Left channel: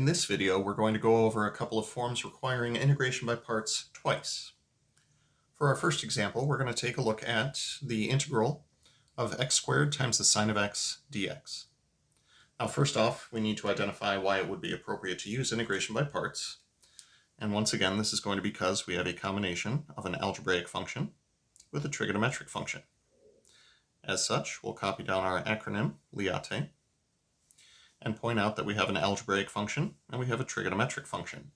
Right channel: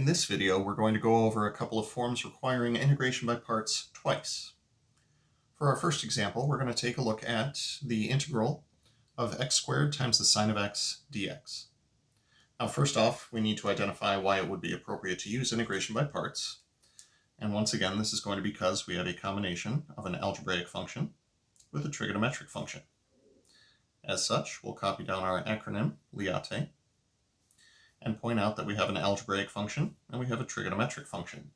In this video, we're going to go over a couple of forms requiring integration by parts twice. For our first example, we're going to take a look at the integral of x squared times the sine of x dx. Now, first off, we need to identify why it would be appropriate to use integration by parts. And once again, this is going to be because we have a combination of an algebraic function with a trigonometric function. As such, we'll copy down our acronym, LIATE, and point out that we have an algebraic function and we have a trigonometric function.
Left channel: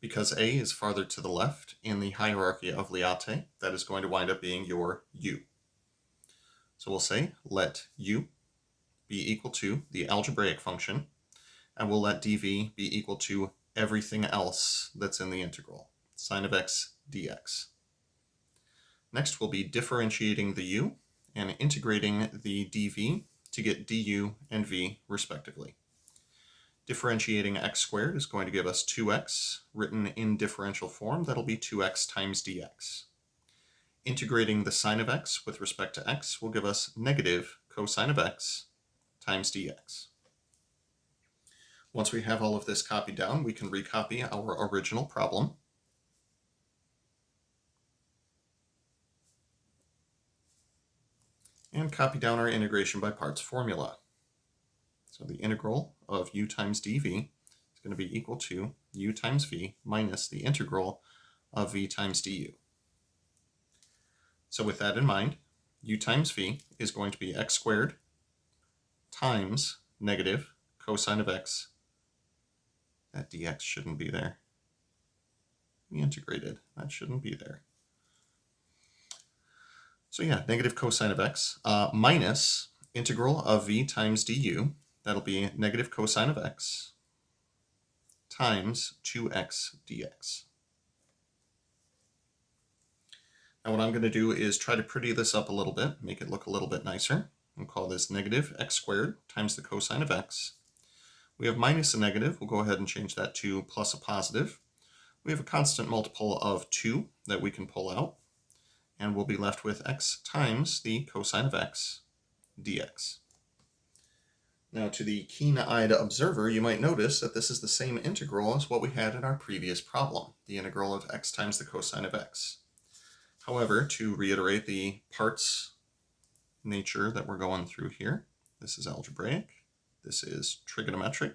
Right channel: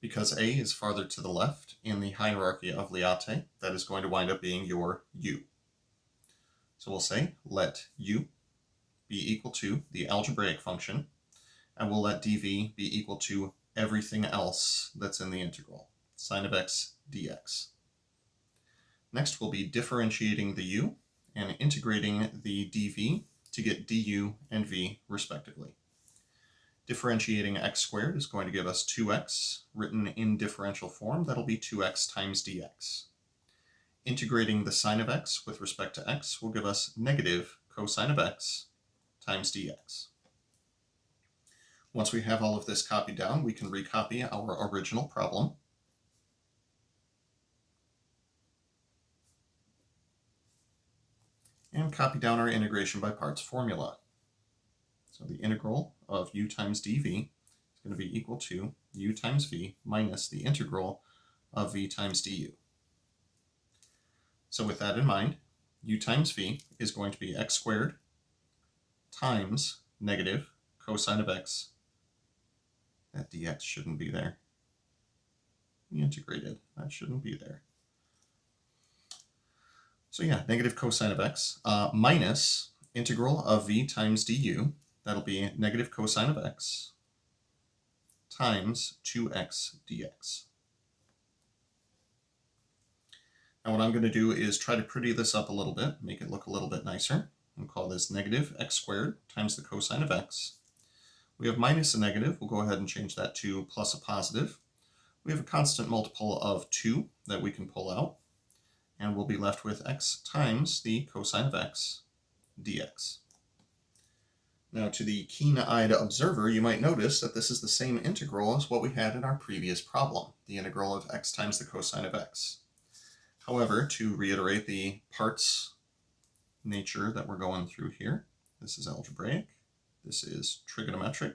Because A is farther to the left in the hierarchy of LIATE, that is going to wind up being your U. So we'll say let U be equal to the algebraic function, and we'll let dV be equal to everything else that's in the integral, sine of x dx. Next, we'll be differentiating the U and integrating the dV to get du and v respectively. Differentiating x squared is going to give us 2x written in differential form. That'll be 2x times dx. Integrating the sine of x with respect to x will give us negative cosine of x times dx. Once we have all of this copied down, we can recopy our original problem. And copy down our integration by parts formula. So the integral of u times dv is going to be equal to u times v minus the integral of v times du. So with that in mind, u times v is going to be x squared times negative cosine of x. That dx shouldn't be there. We integrated. That shouldn't be there. So yeah, negative cosine of x minus integral of v times du. That'll be negative cosine of x times 2x dx. Now what I'm going to do is try to pretty this up a little bit, make it look a little bit nicer. We'll call this negative x squared times the cosine of x. We have minus a negative. We'll go ahead and change that to plus a positive. We have a constant multiple of 2 that we can pull out, and we'll be left with x times the cosine of x dx. Now, to the keen-eyed observer, you might notice that this is the same integral as what we had in our previous problem, the integral of x times the cosine of x. However, to reiterate the parts nature that we're going through here, this is algebraic, this is trigonometric,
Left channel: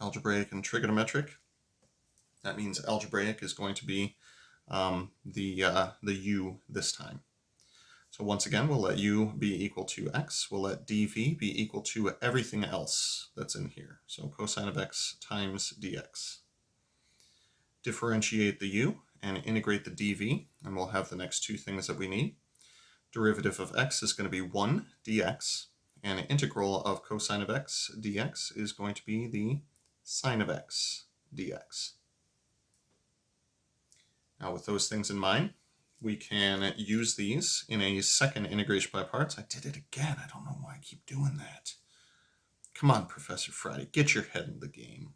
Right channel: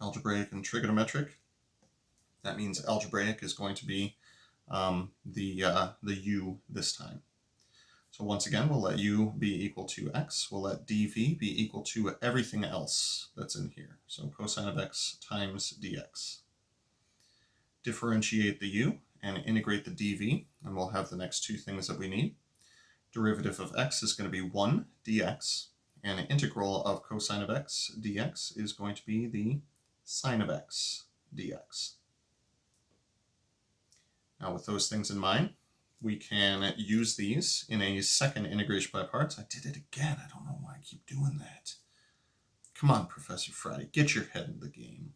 algebraic and trigonometric. That means algebraic is going to be the u this time. So once again, we'll let u be equal to x. We'll let dv be equal to everything else that's in here. So cosine of x times dx. Differentiate the u and integrate the dv, and we'll have the next two things that we need. Derivative of x is going to be 1 dx, and an integral of cosine of x dx is going to be the sine of x dx. Now with those things in mind, we can use these in a second integration by parts. I did it again. I don't know why I keep doing that. Come on, Professor Friday, get your head in the game.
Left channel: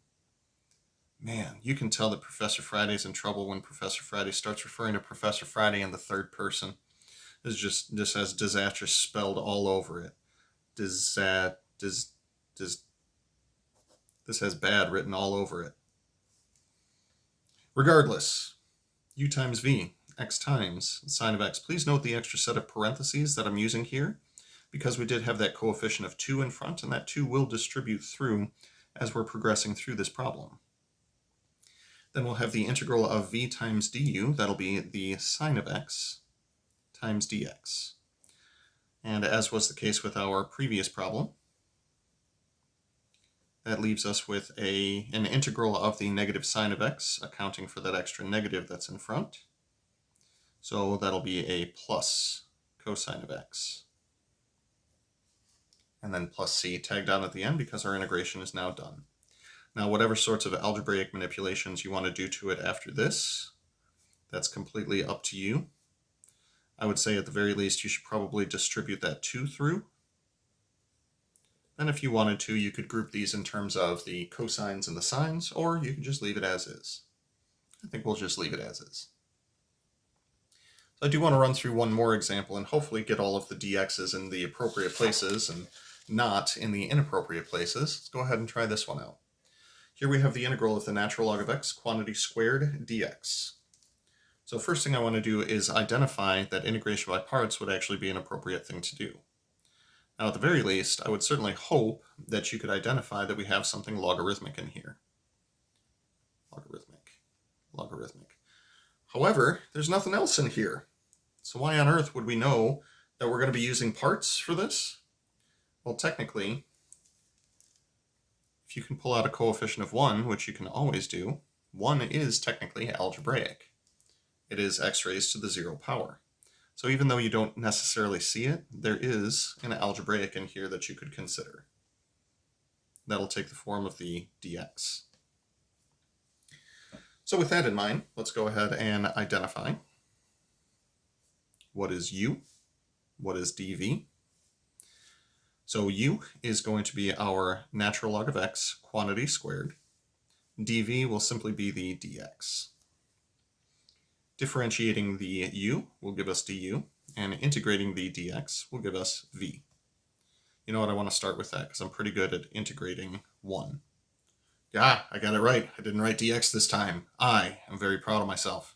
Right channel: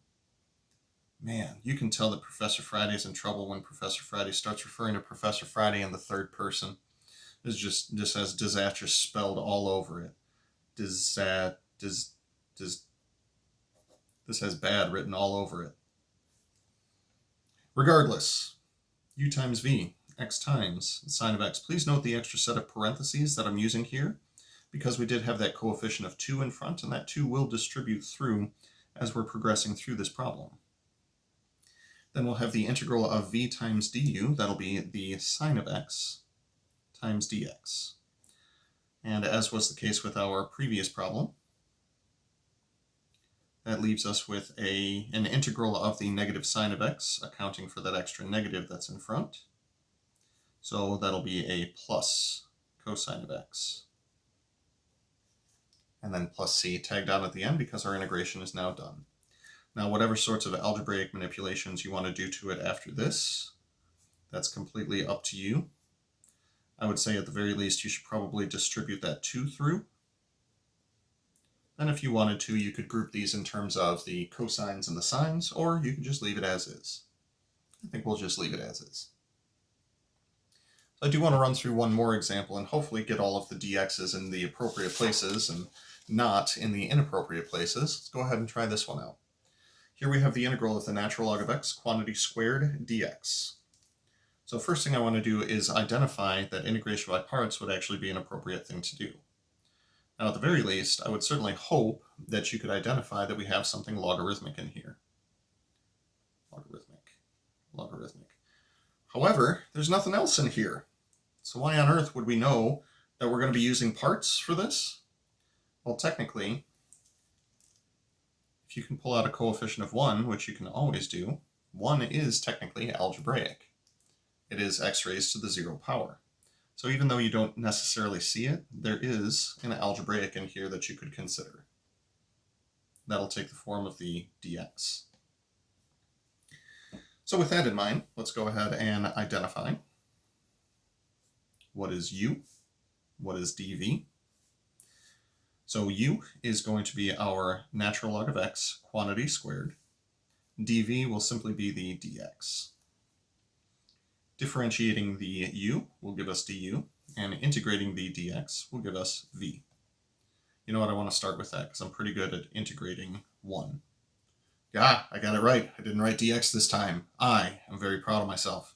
Man, you can tell that Professor Friday's in trouble when Professor Friday starts referring to Professor Friday in the third person. This just has disastrous spelled all over it. This has bad written all over it. Regardless, u times v, x times sine of x. Please note the extra set of parentheses that I'm using here, because we did have that coefficient of 2 in front, and that 2 will distribute through as we're progressing through this problem. Then we'll have the integral of v times du. That'll be the sine of x times dx. And as was the case with our previous problem, that leaves us with an integral of the negative sine of x, accounting for that extra negative that's in front. So that'll be a plus cosine of x. And then plus c tagged on at the end because our integration is now done. Now, whatever sorts of algebraic manipulations you want to do to it after this, that's completely up to you. I would say at the very least you should probably distribute that 2 through. And if you wanted to, you could group these in terms of the cosines and the sines, or you could just leave it as is. I think we'll just leave it as is. I do want to run through one more example and hopefully get all of the dx's in the appropriate places and not in the inappropriate places. Let's go ahead and try this one out. Here we have the integral of the natural log of x quantity squared dx. So the first thing I want to do is identify that integration by parts would actually be an appropriate thing to do. Now, at the very least, I would certainly hope that you could identify that we have something logarithmic in here. Logarithmic. However, there's nothing else in here. So why on earth would we know that we're going to be using parts for this? Well, technically, if you can pull out a coefficient of 1, which you can always do, 1 is technically algebraic. It is x raised to the 0 power. So even though you don't necessarily see it, there is an algebraic in here that you could consider. That'll take the form of the dx. So with that in mind, let's go ahead and identify what is u, what is dv. So u is going to be our natural log of x quantity squared. dv will simply be the dx. Differentiating the u will give us du, and integrating the dx will give us v. You know what, I want to start with that because I'm pretty good at integrating 1. Yeah, I got it right. I didn't write dx this time. I am very proud of myself.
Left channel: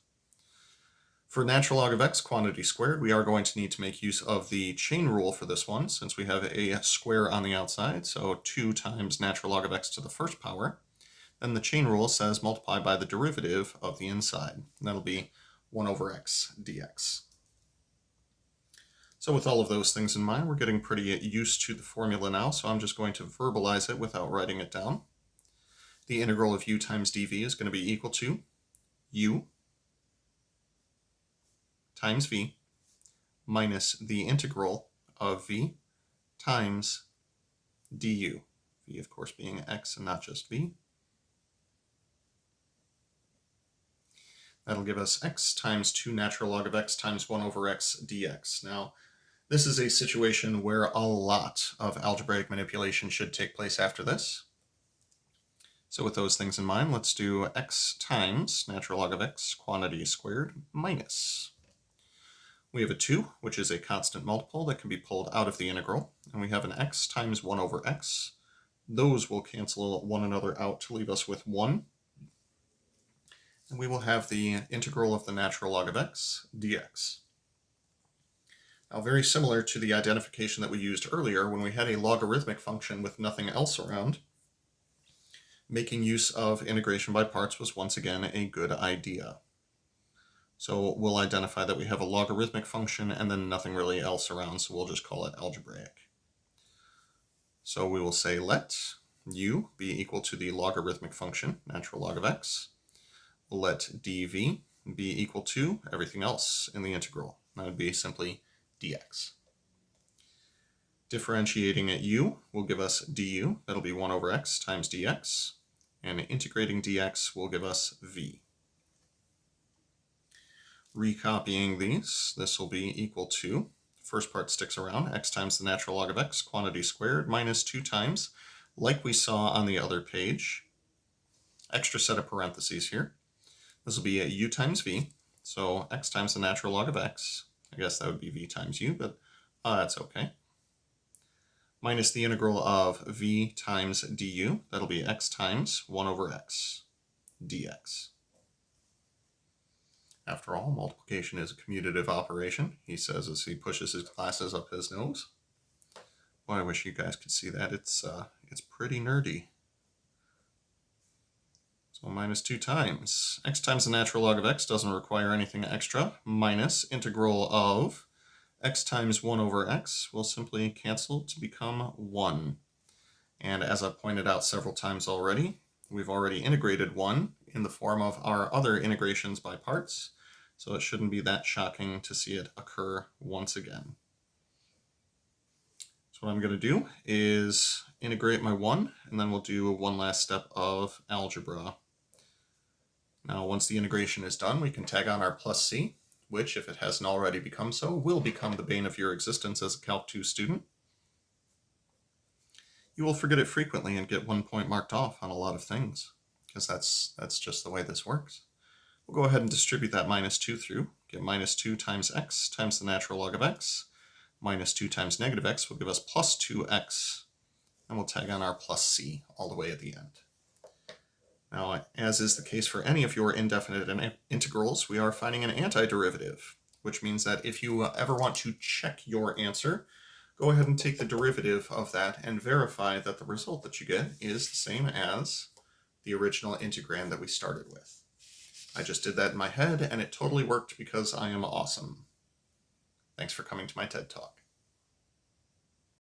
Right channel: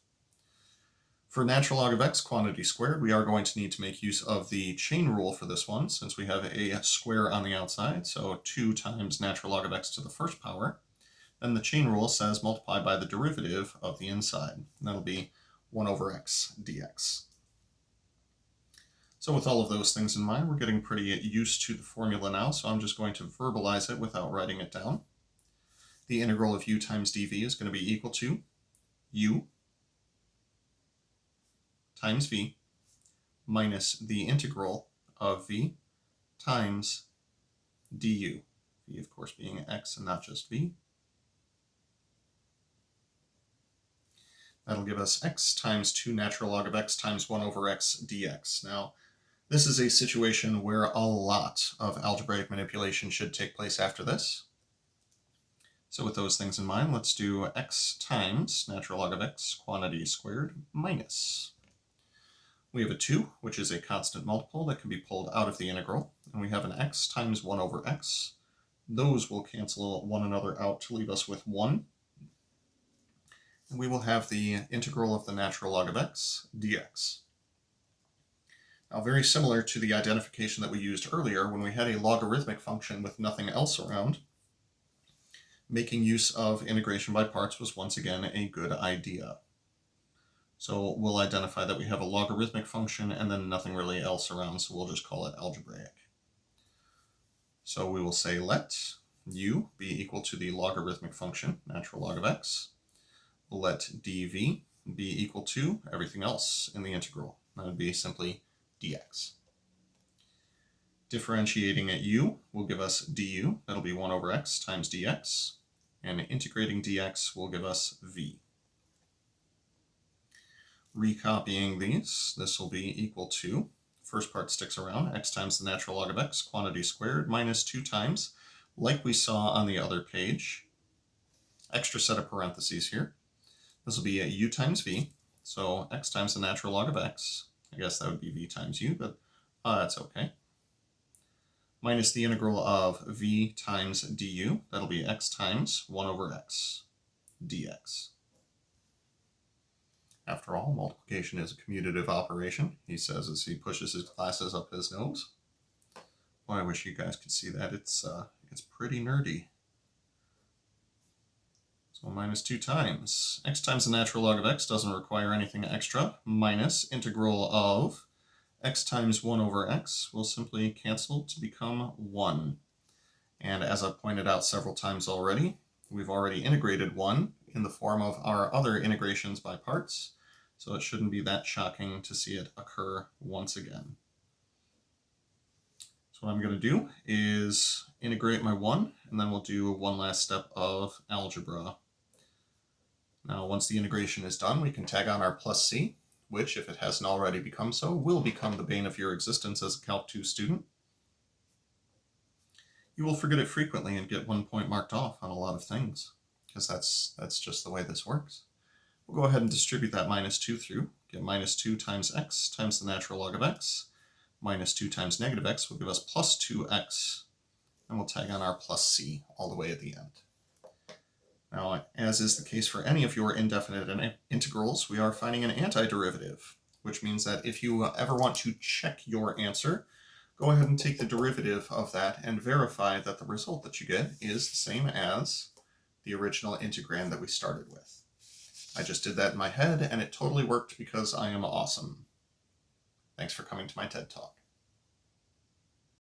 For natural log of x quantity squared, we are going to need to make use of the chain rule for this one, since we have a square on the outside, so 2 times natural log of x to the first power. Then the chain rule says multiply by the derivative of the inside. And that'll be 1 over x dx. So with all of those things in mind, we're getting pretty used to the formula now, so I'm just going to verbalize it without writing it down. The integral of u times dv is going to be equal to u times v minus the integral of v times du. V, of course, being x and not just v. That'll give us x times 2 natural log of x times 1 over x dx. Now, this is a situation where a lot of algebraic manipulation should take place after this. So with those things in mind, let's do x times natural log of x quantity squared minus. We have a 2, which is a constant multiple that can be pulled out of the integral, and we have an x times 1 over x. Those will cancel one another out to leave us with 1. And we will have the integral of the natural log of x dx. Now, very similar to the identification that we used earlier when we had a logarithmic function with nothing else around, making use of integration by parts was once again a good idea. So we'll identify that we have a logarithmic function and then nothing really else around, so we'll just call it algebraic. So we will say let u be equal to the logarithmic function, natural log of x. Let dv be equal to everything else in the integral. That would be simply dx. Differentiating at u will give us du. That'll be 1 over x times dx. And integrating dx will give us v. Recopying these, this will be equal to, first part sticks around, x times the natural log of x, quantity squared, minus 2 times, like we saw on the other page. Extra set of parentheses here. This will be a u times v, so x times the natural log of x. I guess that would be v times u, but that's okay. Minus the integral of v times du, that'll be x times 1 over x dx. After all, multiplication is a commutative operation, he says as he pushes his glasses up his nose. Boy, I wish you guys could see that. It's pretty nerdy. So minus 2 times. X times the natural log of x doesn't require anything extra. Minus integral of x times 1 over x will simply cancel to become 1. And as I've pointed out several times already, we've already integrated 1 in the form of our other integrations by parts, so it shouldn't be that shocking to see it occur once again. So what I'm going to do is integrate my 1, and then we'll do one last step of algebra. Now, once the integration is done, we can tag on our plus c, which, if it hasn't already become so, will become the bane of your existence as a Calc 2 student. You will forget it frequently and get 1 point marked off on a lot of things, because that's just the way this works. We'll go ahead and distribute that minus 2 through. Get minus 2 times x times the natural log of x. Minus 2 times negative x will give us plus 2x. And we'll tag on our plus c all the way at the end. Now, as is the case for any of your indefinite integrals, we are finding an antiderivative, which means that if you ever want to check your answer, go ahead and take the derivative of that and verify that the result that you get is the same as the original integrand that we started with. I just did that in my head, and it totally worked because I am awesome. Thanks for coming to my TED Talk.